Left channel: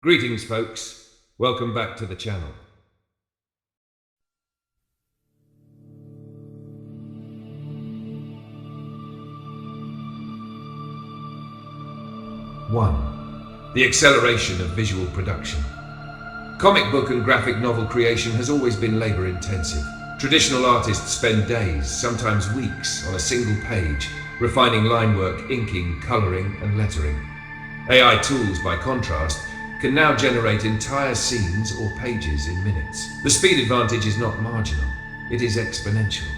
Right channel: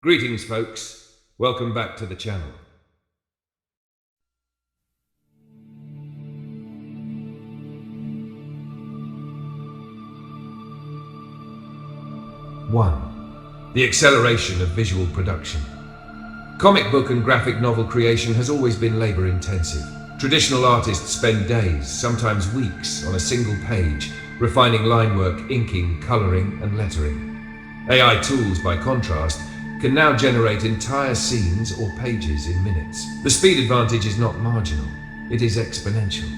Greetings, folks. Welcome back to the channel. One, the acceleration of visual production. Comic book and graphic novel creation has always been labor-intensive. Traditional artists spend days, sometimes weeks, on a single page, refining line work, inking, coloring, and lettering. AI tools, by contrast, can now generate entire scenes or pages in minutes. The speed advantage is not marginal, it is exponential.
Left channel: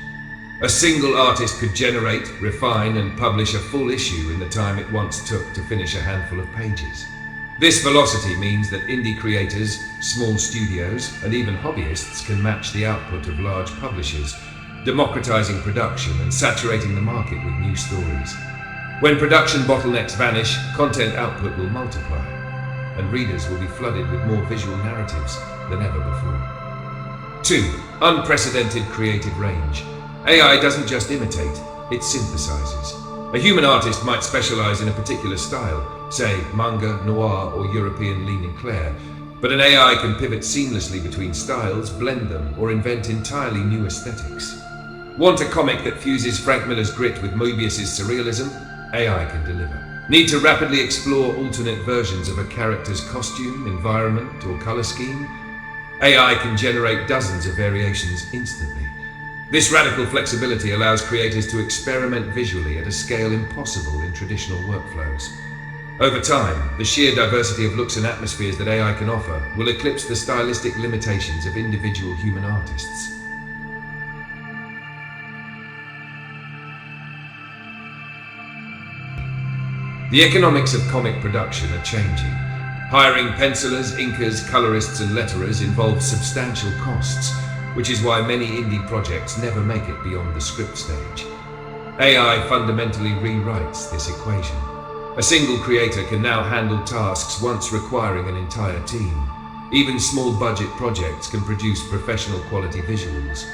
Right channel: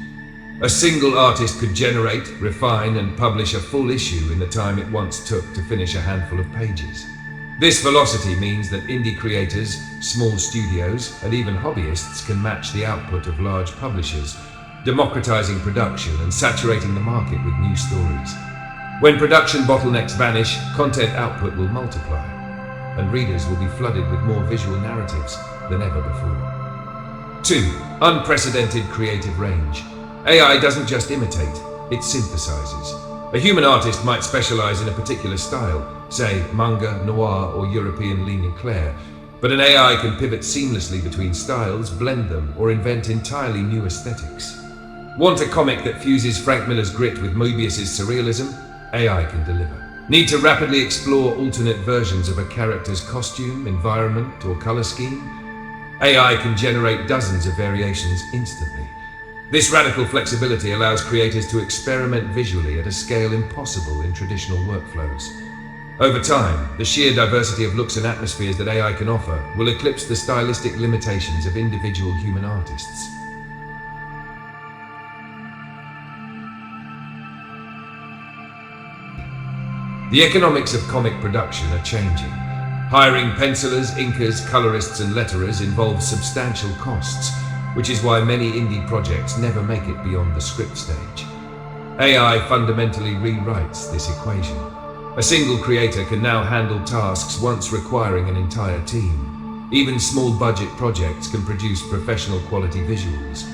A single artist could generate, refine, and publish a full issue in the time it once took to finish a handful of pages. This velocity means that indie creators, small studios, and even hobbyists can match the output of large publishers, democratizing production and saturating the market with new stories. When production bottlenecks vanish, content output will multiply, and readers will be flooded with more visual narratives than ever before. 2. Unprecedented creative range. AI doesn't just imitate, it synthesizes. A human artist might specialize in a particular style, say manga, noir, or European leaning Claire, but an AI can pivot seamlessly between styles, blend them, or invent entirely new aesthetics. Want a comic that fuses Frank Miller's grit with Moebius's surrealism? AI can deliver. Need to rapidly explore alternate versions of a character's costume, environment, or color scheme? AI can generate dozens of variations instantly. This radical flexibility allows creators to experiment visually at a scale impossible in traditional workflows. Over time, the sheer diversity of looks and atmospheres that AI can offer will eclipse the stylistic limitations of individual human artists. The economics of comic production are changing. Hiring pencilers, inkers, colorists, and letterers involves substantial costs, which is why many indie projects never make it beyond the script stage. AI fundamentally rewrites this equation. A single creator can now handle tasks once requiring an entire team. Even small budget projects can produce professional quality visuals.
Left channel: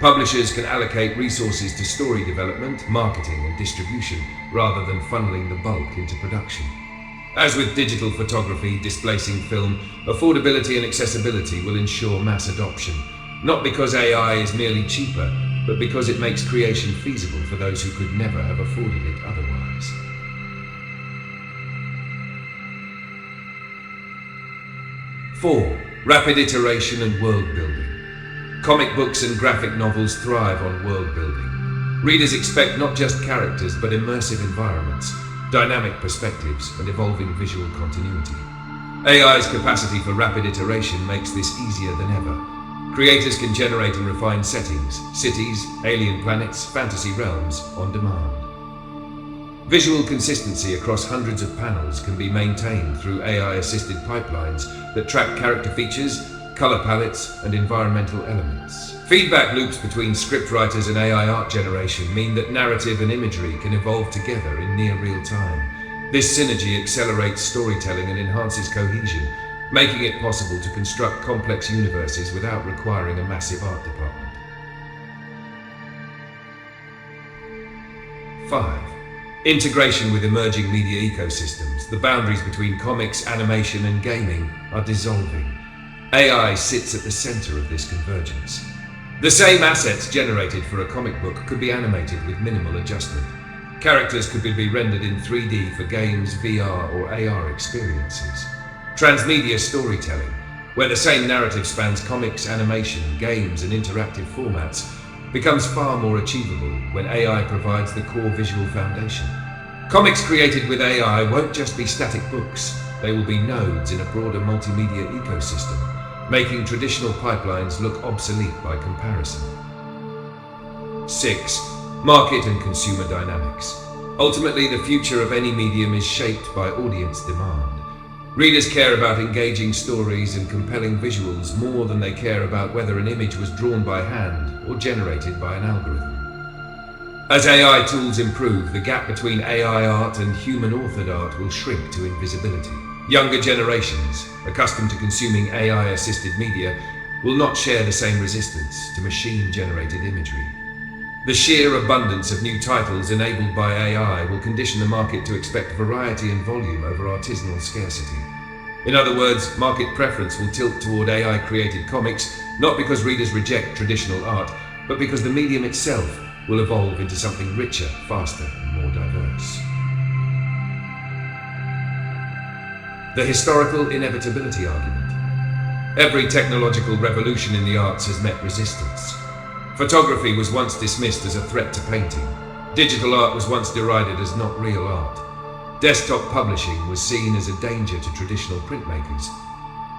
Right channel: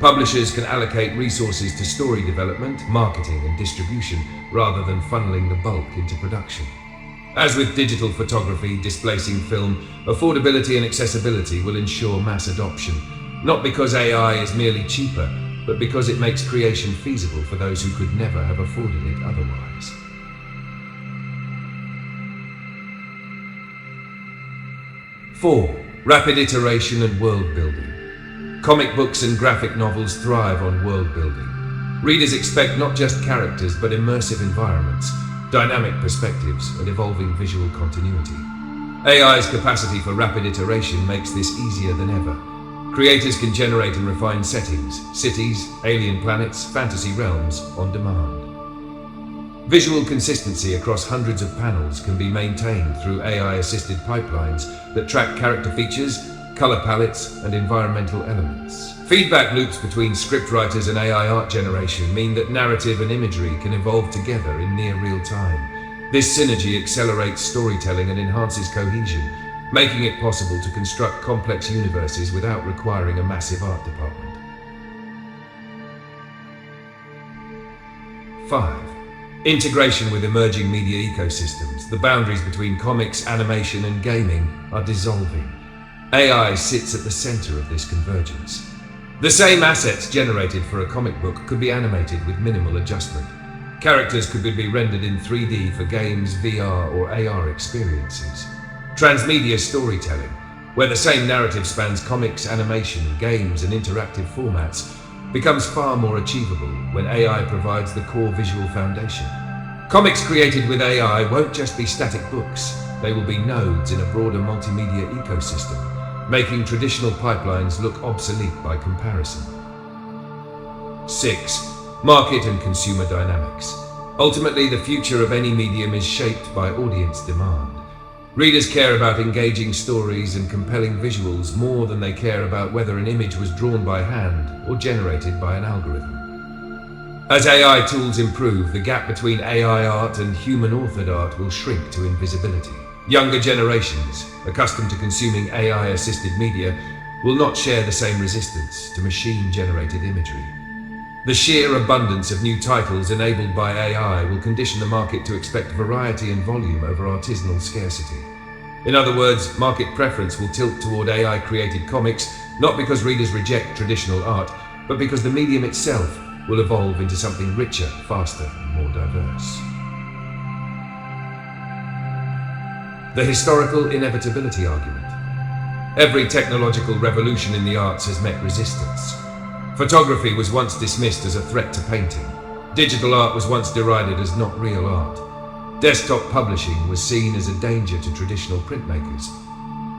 Publishers can allocate resources to story development, marketing, and distribution, rather than funneling the bulk into production. As with digital photography displacing film, affordability and accessibility will ensure mass adoption, not because AI is merely cheaper, but because it makes creation feasible for those who could never have afforded it otherwise. 4. Rapid iteration and world building. Comic books and graphic novels thrive on world building. Readers expect not just characters, but immersive environments, dynamic perspectives, and evolving visual continuity. AI's capacity for rapid iteration makes this easier than ever. Creators can generate and refine settings, cities, alien planets, fantasy realms on demand. Visual consistency across hundreds of panels can be maintained through AI-assisted pipelines that track character features, color palettes, and environmental elements. Feedback loops between scriptwriters and AI art generation mean that narrative and imagery can evolve together in near real time. This synergy accelerates storytelling and enhances cohesion, making it possible to construct complex universes without requiring a massive art department. 5. Integration with emerging media ecosystems. The boundaries between comics, animation, and gaming are dissolving. AI sits at the center of this convergence. The same assets generated for a comic book could be animated with minimal adjustment. Characters could be rendered in 3D for games, VR, or AR experiences. Transmedia storytelling, where the same narrative spans comics, animation, games, and interactive formats, becomes far more achievable when AI provides the core visual foundation. Comics created with AI won't just be static books, they will be nodes in a broader multimedia ecosystem, making traditional pipelines look obsolete by comparison. 6. Market and consumer dynamics. Ultimately, the future of any medium is shaped by audience demand. Readers care about engaging stories and compelling visuals more than they care about whether an image was drawn by hand or generated by an algorithm. As AI tools improve, the gap between AI art and human-authored art will shrink to invisibility. Younger generations, accustomed to consuming AI-assisted media, will not share the same resistance to machine-generated imagery. The sheer abundance of new titles enabled by AI will condition the market to expect variety and volume over artisanal scarcity. In other words, market preference will tilt toward AI-created comics, not because readers reject traditional art, but because the medium itself will evolve into something richer, faster, and more diverse. The historical inevitability argument. Every technological revolution in the arts has met resistance. Photography was once dismissed as a threat to painting. Digital art was once derided as not real art. Desktop publishing was seen as a danger to traditional printmakers.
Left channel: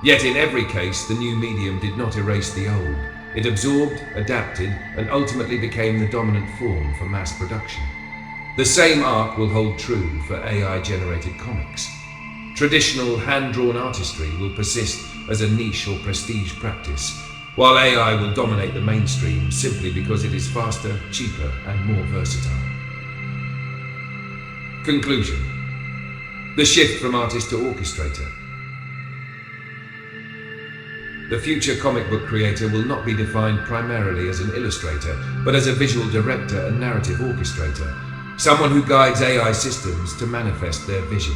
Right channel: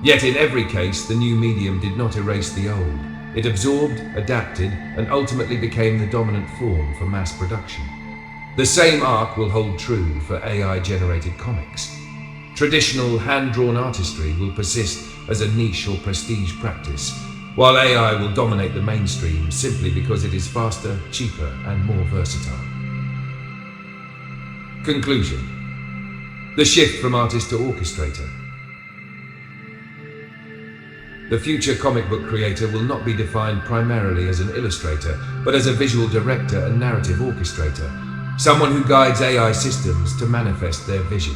Yet in every case, the new medium did not erase the old. It absorbed, adapted, and ultimately became the dominant form for mass production. The same arc will hold true for AI-generated comics. Traditional hand-drawn artistry will persist as a niche or prestige practice, while AI will dominate the mainstream simply because it is faster, cheaper, and more versatile. Conclusion. The shift from artist to orchestrator. The future comic book creator will not be defined primarily as an illustrator, but as a visual director and narrative orchestrator, someone who guides AI systems to manifest their vision.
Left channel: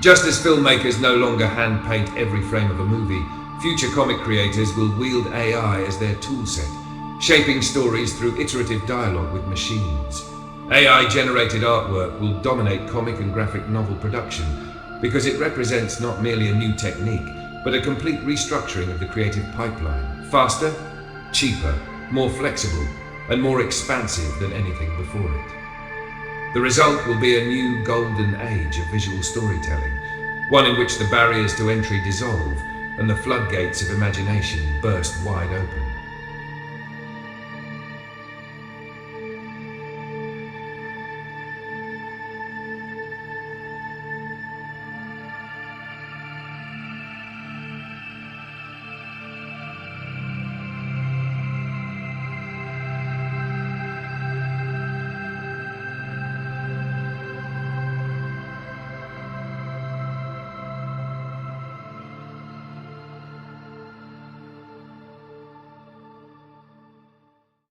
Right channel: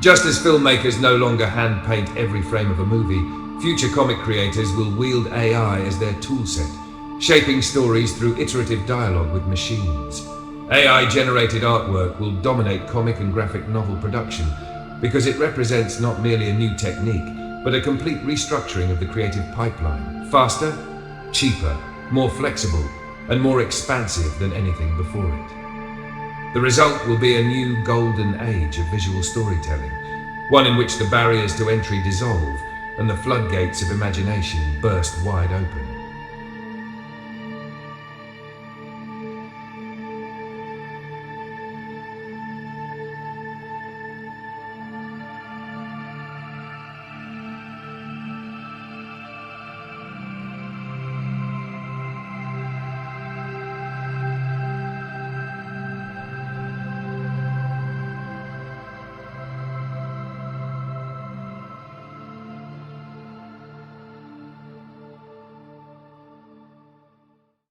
Just as filmmakers no longer hand-paint every frame of a movie, future comic creators will wield AI as their toolset, shaping stories through iterative dialogue with machines. AI-generated artwork will dominate comic and graphic novel production because it represents not merely a new technique, but a complete restructuring of the creative pipeline. Faster, cheaper, more flexible, and more expansive than anything before it. The result will be a new golden age of visual storytelling, one in which the barriers to entry dissolve and the floodgates of imagination burst wide open.